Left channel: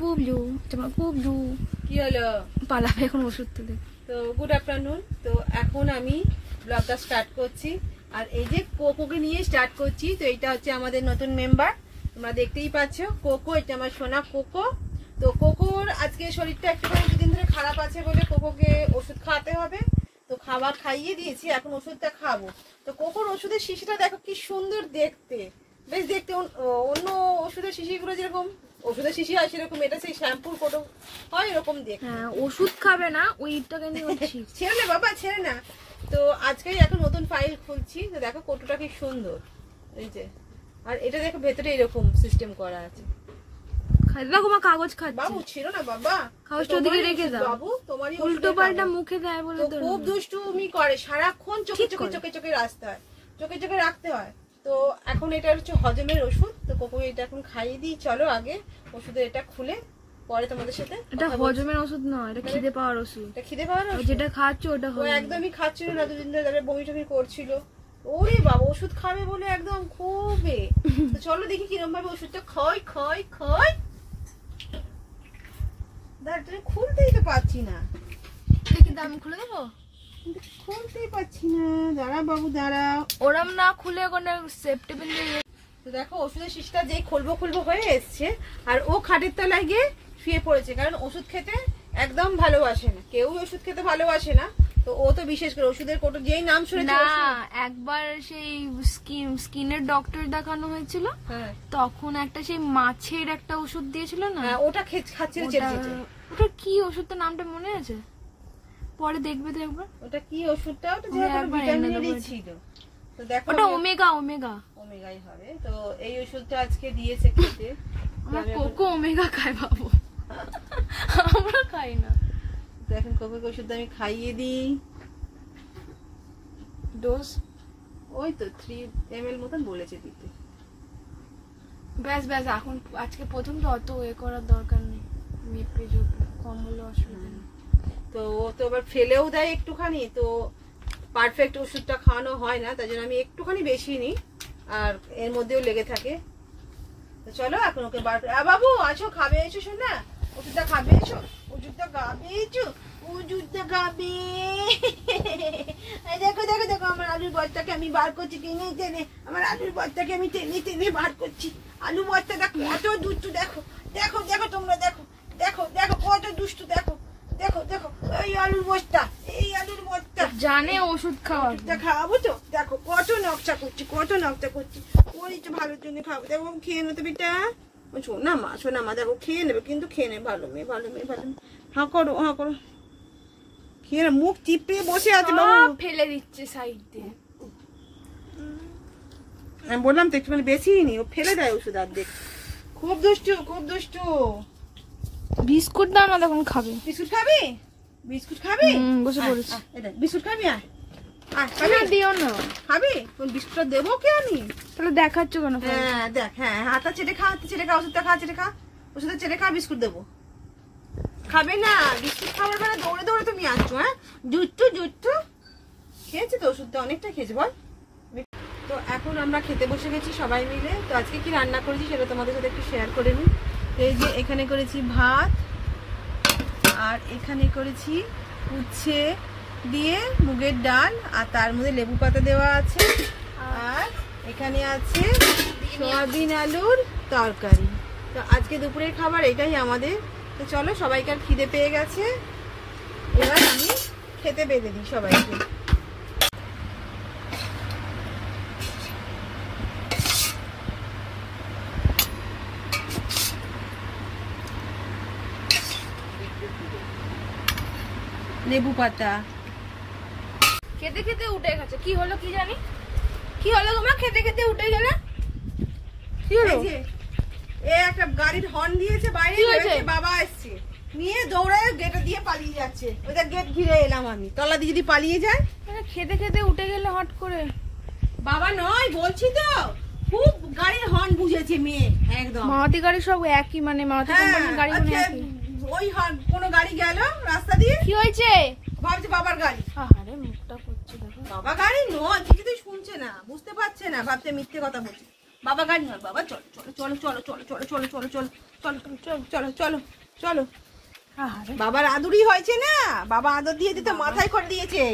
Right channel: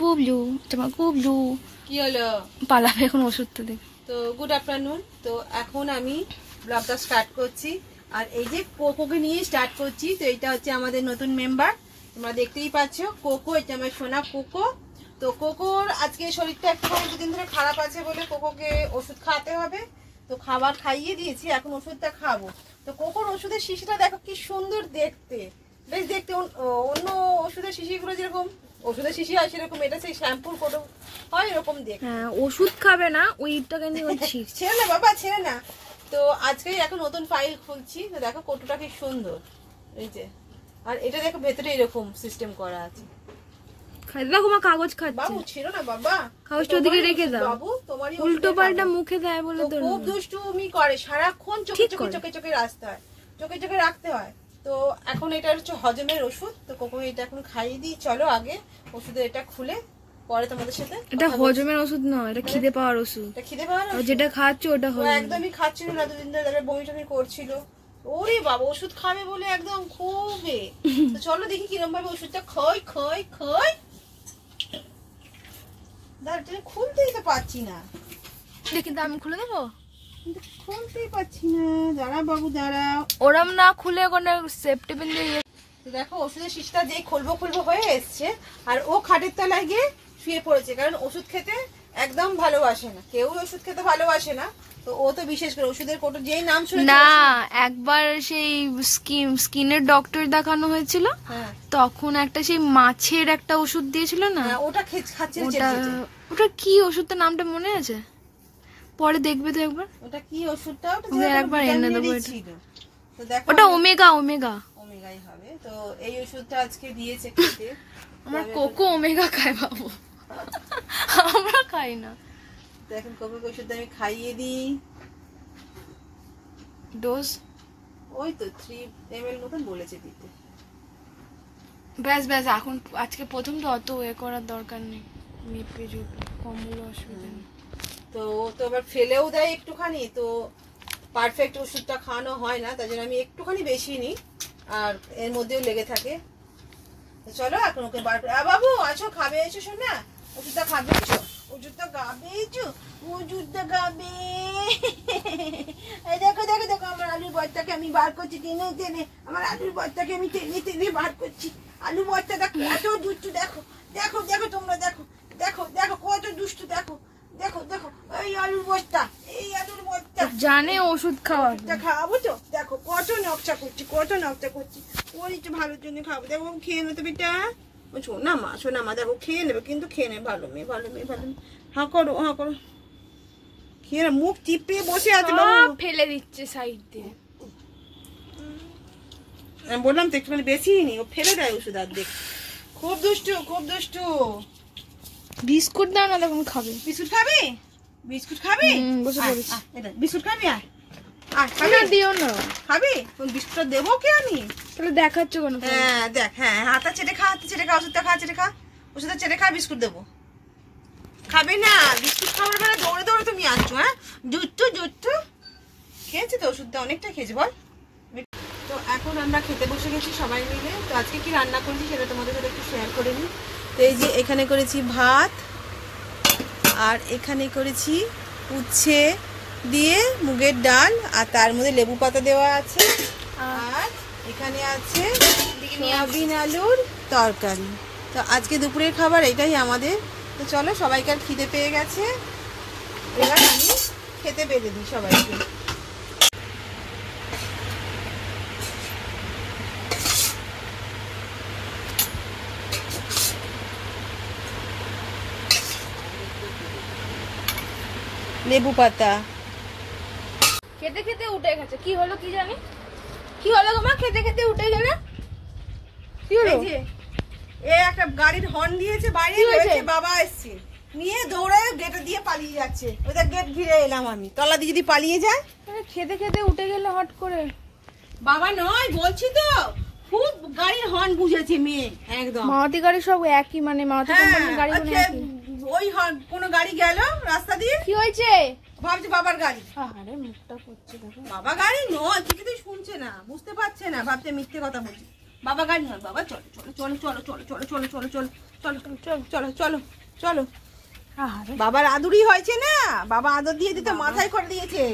বুবলু তোমার বুবলু কি হলো পালাবে এখন ওষুধটা দেখ। তো গুড আফটারনুন। তো এখন আমি ব্লগটা স্টার্ট করছি আর এই যে কোকোকে নিয়ে স্টার্ট করছি। তো এটা হচ্ছে আমাদের নতুন মেম্বার, তোমরা দেখতেই পাচ্ছ কোকো, এটা আমার সোনা কোকো। তো কোকোর আজকে শরীরটা একটুখানি দুদিন ধরে খারাপ আছে বলে কোকোকে ওষুধ খাওয়াতে হবে। তো খাবার খাইয়ে দিয়েছি, এখন ওষুধটা খাবো। তো কোকোর ওষুধের শিশিটা দেখো কি সুন্দর দেখতে, বেশ দেখতে অন্য ওষুধের শিশিগুলো যেরকম ওষুধের শিশি হয় সেরকম, এটা সেই শ্যাম্পুর কোটো হয় এরকম দেখতে। হ্যাঁ ওষুধ খাবে না ওইটাকে নিয়ে হচ্ছি ছেড়ে না বাবা ছেড়ে না। তো আজকেই এখন নতুন ফাইল খুলছি। তো দেখো কোটোটা কি সুন্দর, এই যে, আর এটা দেখো ভেতরে এরকম সিস্টেম করা আছে। দেখো মা কাগজ খাচ্ছে। বাবু ছিল না বাবা, কাগজটা ওদিকে রেখে দাও। বাবু তোমারই উল্টো পাল্টা মুখে দেয় বলে তো খুব দুষ্টুমি করে, সারাক্ষণ চোখে চোখে চোখে চোখে রাখতে হয়, চোখে চোখে রাখতে হয়। তো এখন এটা হচ্ছে হজমের ওষুধ। তো কোকো এটা এখন খাইয়ে দিই। চলো আগে ওষুধের এটা খুলে পরে তোমাদের সাথে। এটা হজমের ওষুধ নয়, এটা খিদে পাওয়ার ওষুধ। এটা খিদে পাওয়ার ওষুধ, যেটা খাচ্ছ ওটা ও একদমই খাচ্ছিল না দুদিন ধরে, তারপরে বমি টমি করছিল। ওরে বাবা ওষুধ খাবে বলে একদম খুবই। তো চলো দেখি কিরকম ভাবে ওষুধটা খই খই খই। দাঁড়া খুলতেই তো পাচ্ছি না, দেখি দাম খুলে দেবো, খুলতেই পাচ্ছি না। দাঁড়া বাবু দাঁড়া, ওরম না খুলে ওখানে সেফটি পিন দিয়ে। তো দেখো ওষুধের শিশিটা যে খুলবো খুলবো হয়ে এসছে, আর ও খাটের তলায় গিয়ে শুয়ে পড়েছে, কারণ ওষুধ খেতে একদম ভালোবাসে না, কেউ ওষুধ খেতে ভালোবাসে না। তো ও তো বিশেষ করে ওষুধের কোটো যেই নাম শুনেছে না, একবার সেই স্কিনের ডক্টর দেখানো হয়েছিল, তখন একটা সেই মাছের একটা ওষুধ দিয়েছিল না, ওটা খাচ্ছিল। ওটা কি ওষুধটার নামটা মনে আছে? পরে দেখবে তো একবার ওটা কি ওষুধটা, ওটা একবার এনে দেবো। তো দেখো ওটা ওমেগা ওমেগা ওমেগাই হবে। তো এই ওষুধটা আজকে দিয়েছে খেতে। আমার কোকো ওমেগা খায় বাবু, আমরা খাই না। দেখেন কোকোকে ওষুধটা আমি খাইয়ে দিই। ডোজ ওই তো 3 ml মতন বলেছে দিতে। ব্যাস ব্যাস, এখন আজকে প্রথম তো অত এ করার দরকার নেই, মেপে ঝুপে কম হলে অসুবিধা নেই। তো ও তো আবার ফেলেও দেয় একটুখানি, তো পারফেক্ট ওষুধটা খাওয়ানো হয় না, তাই জন্য আমি একটুখানি বেশি নিই আর এর মধ্যেও লেগে থাকে। তো চলো এখন ওকে বার করে, বাবু আছো খাবে, এসো শোনা ওষুধটা খাবে, এসো ওষুধটা খাবে, এসো ওষুধটা খাবে। দেখো দেখো দেখো আমার আলুর বস্তাকে আমি বার করছি টেনে টেনে, আমার আলুর বস্তাকে আমি টেনে টেনে বার করছি। আলু বস্তাটা কত দুষ্টু, দেখো দেখো দেখো তোমরা দেখো দেখো দেখো কত দুষ্টু, দেখো দেখো দেখো এই আলুর বস্তা, এই আলুর বস্তা জানে ওষুধ খাওয়াটা খাওয়াবো। তো দেখো কত নকশা করছি, কত নকশা করছি, ওই তো ভালোর জন্য খাবো। দেখো খেয়ে নেবে বেটা, শোনা মা দেখো খেয়ে নেবে, কিন্তু খেয়ে নেবে, ভালো মেয়ে ভালো মেয়ে ভালো মেয়ে। হ্যাঁ করো হ্যাঁ করো, খেয়ে মুখ চিপে বসে আছে বাবু, ফেলে দিচ্ছে সাইড দিয়ে। আমি বললাম তো একটুখানি বেশি নি, ও ফেলে দেয় ওষুধ আর দেখ, খুব দুষ্টু খুব দুষ্টু। বিস্কুট দাও না, তখন খাবে। বিস্কুট খাবি, বিস্কুট খাবি, বসে পড়েছি। বিস্কুট খাবি, না দিও না, খাবি বিস্কুটটা দেবো কে আমি? তাহলে দেখাচ্ছ কেন? হ্যাঁ দেখ, হ্যাঁ হাতা চেটে খা, হাতে চেটে খা, ওষুধটা খা, চেটে খা, ওষুধটা চেটে খা, বিস্কুট দেবো। খাবি না বিস্কুট খাবার বেলা দৌড়ে দৌড়ে তুমি আসছো। হ্যাঁ জুট্টু জুট্টু খেয়েছে তো ওষুধটা, অনেকটা খেয়েছে বল। তো এখন আমরা খেতে বসে গেছি সবাই মিলে। তো আজকে কি রান্না করেছি সেটা তোমাদের সাথে একটু শেয়ার করে নিই। তো এই যে এখানে করেছি ভাত, আর এখানে করেছি উচ্ছে দিয়ে মুগের ডাল, আর তার মধ্যে লেবু পাতা দেওয়া আছে, আর এখানে আছে সয়াবিন আলুর তরকারি। তো আজকে দুপুরের খাবার এটাই আমাদের। তো চলো সবাইকার খিদে পেয়ে গেছে, এবার আমি খেতে বেঁধে দিই সবাইকে। লেবু পাতা খেতে খেতে উঠে গেছে, কি হলো কি জানি, কি হলো তোমার? খেতে খেতে উঠে গেলে কি হলো? এ একটা গাড়ির হর্ন দিয়েছে বাইরে, বাবা এসছে নিয়ে দৌড়ে গেট দিয়ে পালিয়ে যাচ্ছে, ওইটা গেট ঘিরে এলাম আমি, তলা দিয়ে যদি পালিয়ে যায়। খেতে খেতে উঠে গেলে হট করে, বাবা নয় বলছি তো, খুব গাড়ির হর্ন বুঝেছে মেয়ে একদম। মারুতি গাড়ি সব একই, মানে মারুতি কোম্পানির গাড়ি কোনো একই। ওই কোনো গাড়ি গেল রাস্তা দিয়ে, কি হয়েছে ভাবছে বাবার গাড়ি। আরে মুখটা করছে দেখো, বাবা গাড়ি নয়, কিছুতেই শুনছে না, বুঝতে পারছে না, ভাবছে মিথ্যে কথা বলছি। বাবা গাড়ি নয়, বাবা চলো চলো চলো চলো চলো চলো চলো চলো চলো চলো চলো চলো চলো চলো। বাবার আদুরি হয়েছে না, বাবা আদর দিয়ে দিতে মাথায় করে দিয়েছে।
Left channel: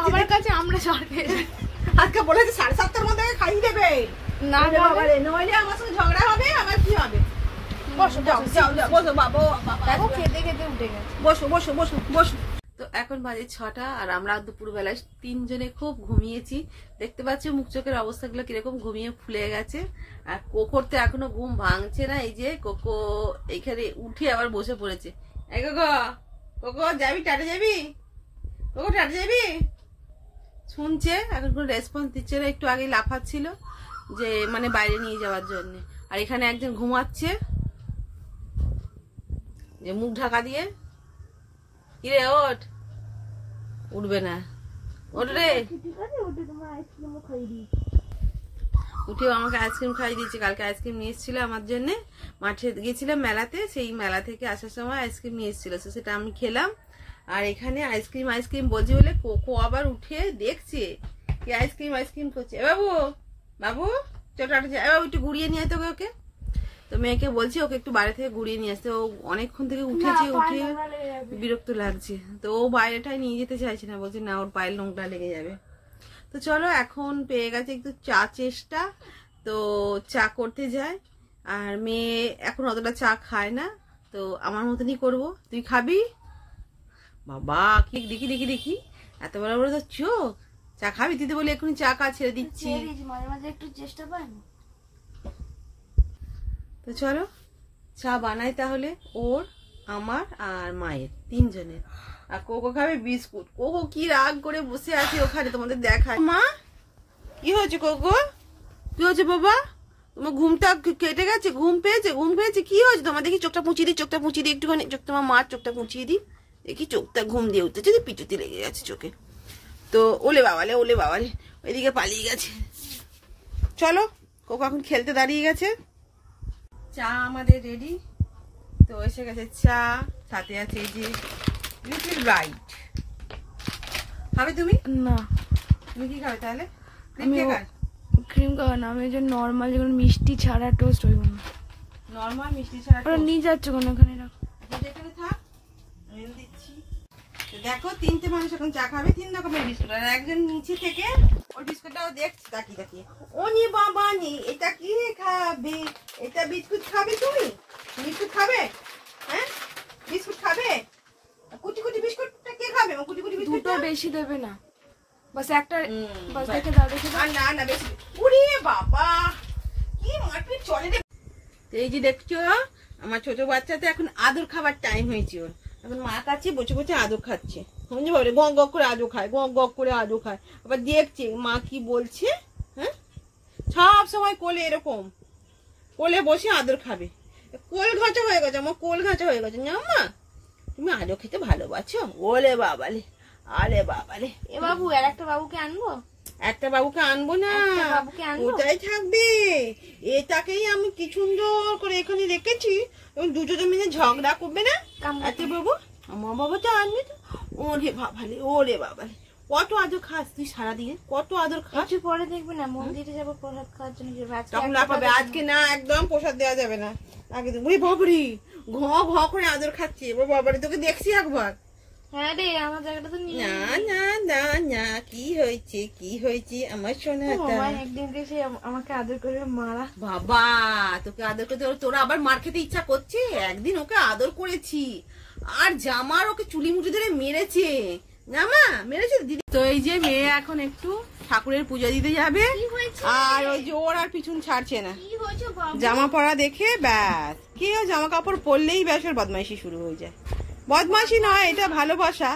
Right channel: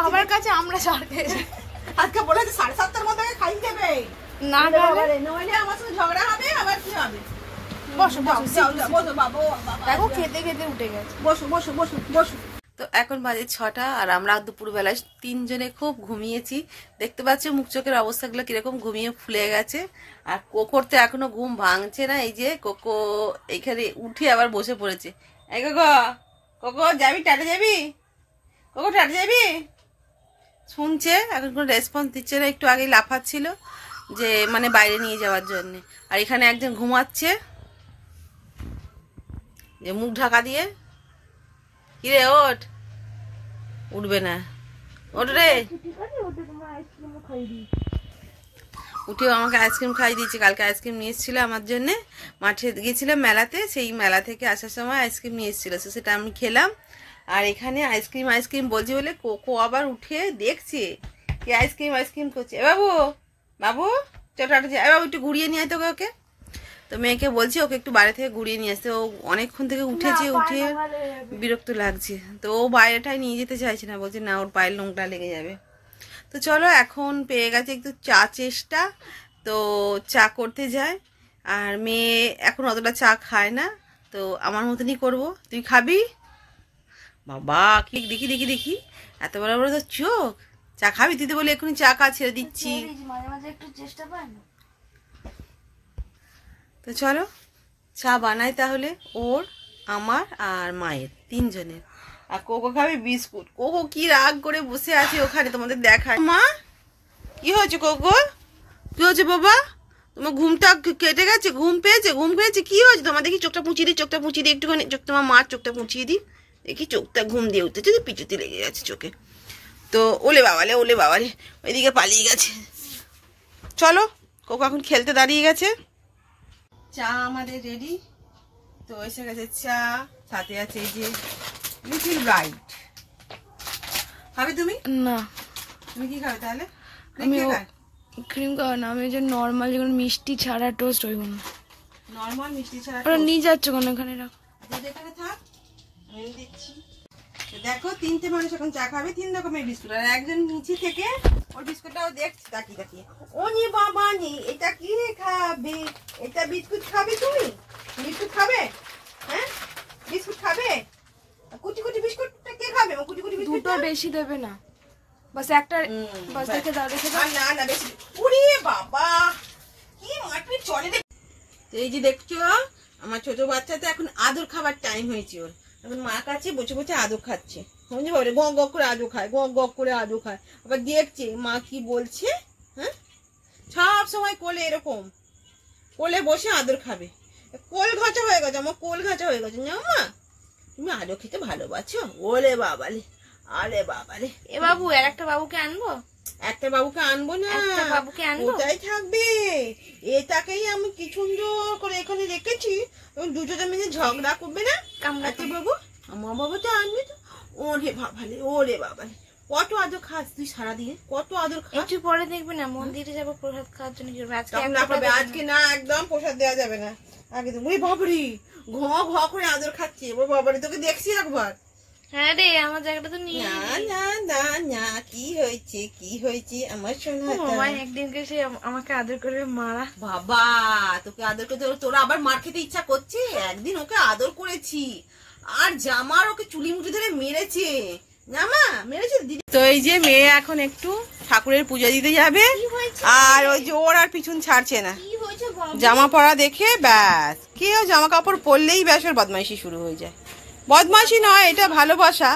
বাবার কাছে আমরা আজকে বলেছে 7:30টার মধ্যে খাইয়ে দেবে, না নইলে আমার সাথে ঝগড়া হবে। আবার কি হবে? বসো বসো বাবু, দেখো খেতে খেতে উঠে গেছে। বসো বসো বসো বসো। তো এখন বাজে 6টা, আর আমরা দুপুরবেলায় 3 জনে খুব ঘুমিয়েছি। দেখতে পাচ্ছ মুখ চোখের অবস্থাগুলো কিরকম ঘুমিয়ে ফুলে গেছে। আর কোকোর তো এখনো ঘুম ভাঙছে না। এই যে কোকো এইখানে উঠে আবার বসে পড়েছে। এই কোকো, কোকো যাবি, টাটা যাবি? কোকো টাটা যাবি? শুনছে, এখন কোনো রেসপন্স দিচ্ছে না। একটু আগে লাফাচ্ছিল যে মানে বাইরে নিয়ে যাওয়ার জন্য। আর এখানে একজন ঘুমাচ্ছে যে মুখ ঢাকা দিয়ে। কিরে ওঠ, উঠবে না, ওঠ রে। উঠেও আমাকে আইসক্রিম খাইয়ে দিয়েছে। কালকে আইসক্রিম নিয়ে এসেছিল আমার জন্য, মাঠে গিয়েছিলাম মেলাতে, সেই মেলা থেকে আসার সময় আইসক্রিম নিয়ে এসেছিল, সেটা আমি খেলাম। আর এখানে আইসক্রিম আইসক্রিম বলছি বলে কোকো আবার উঠে দেখছে কি আইসক্রিম আইসক্রিম করছে। এ বাবু, বাবু চল টাটা যা, বাবু একটু ঘুরিয়ে নিয়ে আয় তোকে। ওকে তো মেয়েকে বলছি ওকে একটু বাইরে থেকে ঘুরিয়ে নিয়ে আসতে। ও অনেকক্ষণ থেকে উঠেছে, উঠে বিরক্ত লাগছে। তো ও বাইরেটাই নিয়ে যেতে চাইছে না, বলছে না ওর পায়ের নোংটা লেগে যাবে। তো চলো, এখন পেয়ে গেছে একটু চা চেষ্টা, তো চা করতে যায়। আর মেয়ে এখন অতটা চা খায় না, তো আমার মতনই করবো। তুই খাবি? বাবা কি দেখি দেখি দেখি, এত বড় বড় তো চোখ। চা খাবি? তুই তো বলে এখনই চা খা, ছেড়ে দিচ্ছি। মাঝে মাঝে একটু চেষ্টা পায় না। তো চলো চা বানাই তাহলে, ওর, আমার আর মায়ের 3 জনের। আর কোকো খাবে বিস্কুট। কোকো কি রাগ করে বসে আছে ওখানে, তোমাদের দেখায়। মা কি হয়েছে কোকো? কি হয়েছে বাবা? তোমার ঘুমটা কেটে গেছে? ঘুম পেয়েছে? ঘুম পেয়েছে? কি হয়েছে তোমার? দেখি চোখটা মুচিয়ে দিই, চোখটা মুচিয়ে দিই একটুখানি। চোখ, তোমার মার চোখটা মুচিয়ে দিই। দেখি চোখটা ঘুম দিয়ে উঠতেছে, পিছুতে লেগে গেছে চোখে। তো ওলে বাবালে, ওলে বাবালে, ওইদিকে পালিয়ে গেছে। চলো, কোকো এখন খেলতে দাঁড়িয়ে গেছে। চা আমাদের রেডি। তো এসে গেছে চা, সাথে আছে এই যে লিটল বাইট। খাবে তুমি? না। তুমি কি খাবে তাহলে? আমি ক্রিম খাওয়া না, আমি যে নর্মাল যেগুলো মিষ্টি ছাড়া টোস্ট ওইগুলো। নর্মাল মিষ্টি ছাড়া ওরা নিয়ে যাচ্ছে কোন, এখানে রাখো। এখানে থাক, আমি দিচ্ছি। দেখো 3টে মানুষ এখন চা খাবে, 3 রকমের বিস্কুট। আর একজন নিচে থেকে ওর বিস্কুটটাও দেখছে তাকিয়ে তাকিয়ে। ও নি বাবা নি, এটা কি খাবে? এটা বিস্কুট খাবে তুমি? বিস্কুট খাবে? হ্যাঁ বিস্কুট খাবে? কুচি কুচি বিস্কুটটা কে খাবে? কুচি কুচি বিস্কুট দুটো বেশি দেবে না, বাস একটা, বাস দেখে দাও, দেখে দাও। না না বেশি। ওরে বাবা কি মারপিট চলে রে। এই যে দেখছো আমার ছোট বাচ্চাতে এখন আদর খাবার টাইম হয়েছে ওর। এখন মা কাছে বসে বসে আদর খাচ্ছে। বুঝতে পারে, গ গ করে আদর খায়, গ গ করে আদর খায়। আবার দেখছে মা কি বলছে। হ্যাঁ সব সময় কোলে এরকম, কোলে বসে আদর খাবে। কোল ঘাঁচা হয়ে গেছে, আমার কোল ঘাঁচা হয়ে গেছে। না মা তুমি আদর খেতে ভালোবাসো? ওলে বাবালে, আরে বাবালে। এ বাবু, আর একটা বাবুকে আনবো? একটা বাবুকে আনবো না, বাবুকে আনবো, ওটাই থাকবে। এটাকেই আমি কি সুন্দর করে এখানে রেখেছি, দুজনে মিলে ঝগড়া করবে না। আচ্ছা বাবু, আমার বাবাটা আনবি তো? ওরে বাবালে, ওরে বাবালে, কত আদর খাস তুই সারাদিনে, কত আদর খাস। একটু পরে দেখবে না, মন্দিরে যাবো প্রসাদ খাওয়ার জন্য। আজকে না, একদম প্রসাদ দেওয়া যাবে না। আগে তো ওই বাবরি ঘ ঘ করে আদর খাচ্ছে। ওই বাবারি তোকে দেখছি একবার। হ্যাঁ রে, আমার জায়গাটা তো নিয়ে। না না না না, কি হয়েছে কি হয়েছে আমার সোনা? একদিনকে সে আমাকে আদর করে মারা। বাবা তোকে আদর করতে, তোরা আবার মার খেতে ইচ্ছা করছে? একদিন ওকে আদর করেছি, আর জামার ওকে চুলি মুঠি ধরে মেরেছে। জামা মেরেছে দিদি। তো এই যে মেয়ে এখন একটু ঠাকুরের পূজা দিতে যাবে, আর ওই যে ওর আর পিছন ছাড়ছে না। জামা পরা দেখে ব্যাস, কেউ জামা কাপড় পরলেই ব্যাস ওর বদমাইশি শুরু হয়ে যায়। বদমাইশি নয়, এটা ভালোবাসা,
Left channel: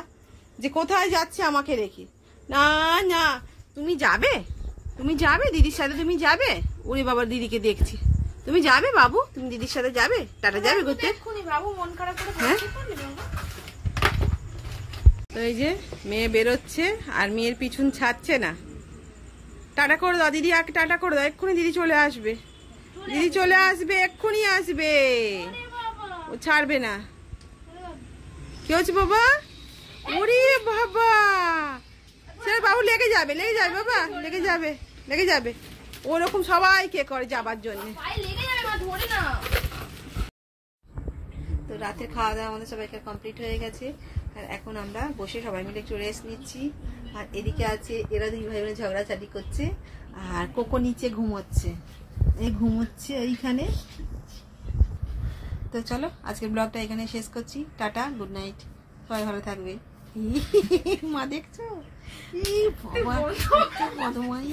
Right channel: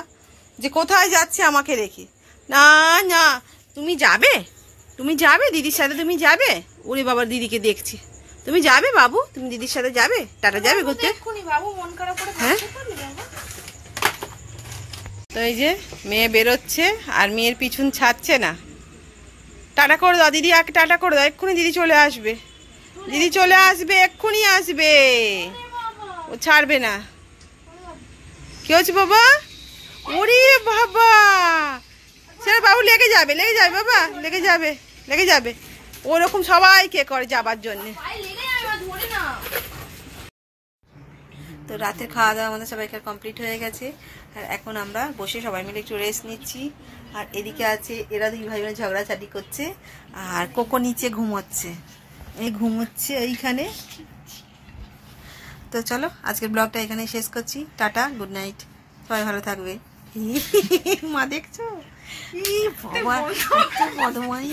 যে কোথায় যাচ্ছে আমাকে রেখে। না না, তুমি যাবে, তুমি যাবে দিদির সাথে, তুমি যাবে। ওরে বাবার দিদিকে দেখছি। তুমি যাবে বাবু, তুমি দিদির সাথে যাবে, টাটা যাবে ঘুরতে। হ্যাঁ তো এই যে মেয়ে বেরোচ্ছে, আর মেয়ের পিছন ছাড়ছে না। টাটা করে দাও দিদি, আগে টাটা করে দাও, এক্ষুনি দিদি চলে আসবে। দিদি চলে আসবে, এক্ষুনি আসবে, ও ছাড়বে না। কি হচ্ছে বাবা? ওরে বাবা, সেটা বাবু লেগে যাবে, লেগে যাবে বাবা, লেগে যাবে, লেগে যাবে। ওরকম সবাইকে করে যাবার জন্য। তো রাতের খাওয়া দাওয়া আমাদের সবাইকার কমপ্লিট হয়ে গেছে, আর এখন আমরা বসে সবাই মিলে একটু রেস্ট নিচ্ছি। আর এদিকে আছে এরা দুই ভাই বোনে ঝগড়াঝাটি করছে, আর কোকো নিচে ঘুমোচ্ছে, এই ঘুমোচ্ছে ওইখানে। তো চলো আজকের ব্লগটা এখানেই শেষ করছি। টাটা, গুড নাইট, সবাই ভালো থাকবে। মা দেখছো, ই বাবা, বদমাই।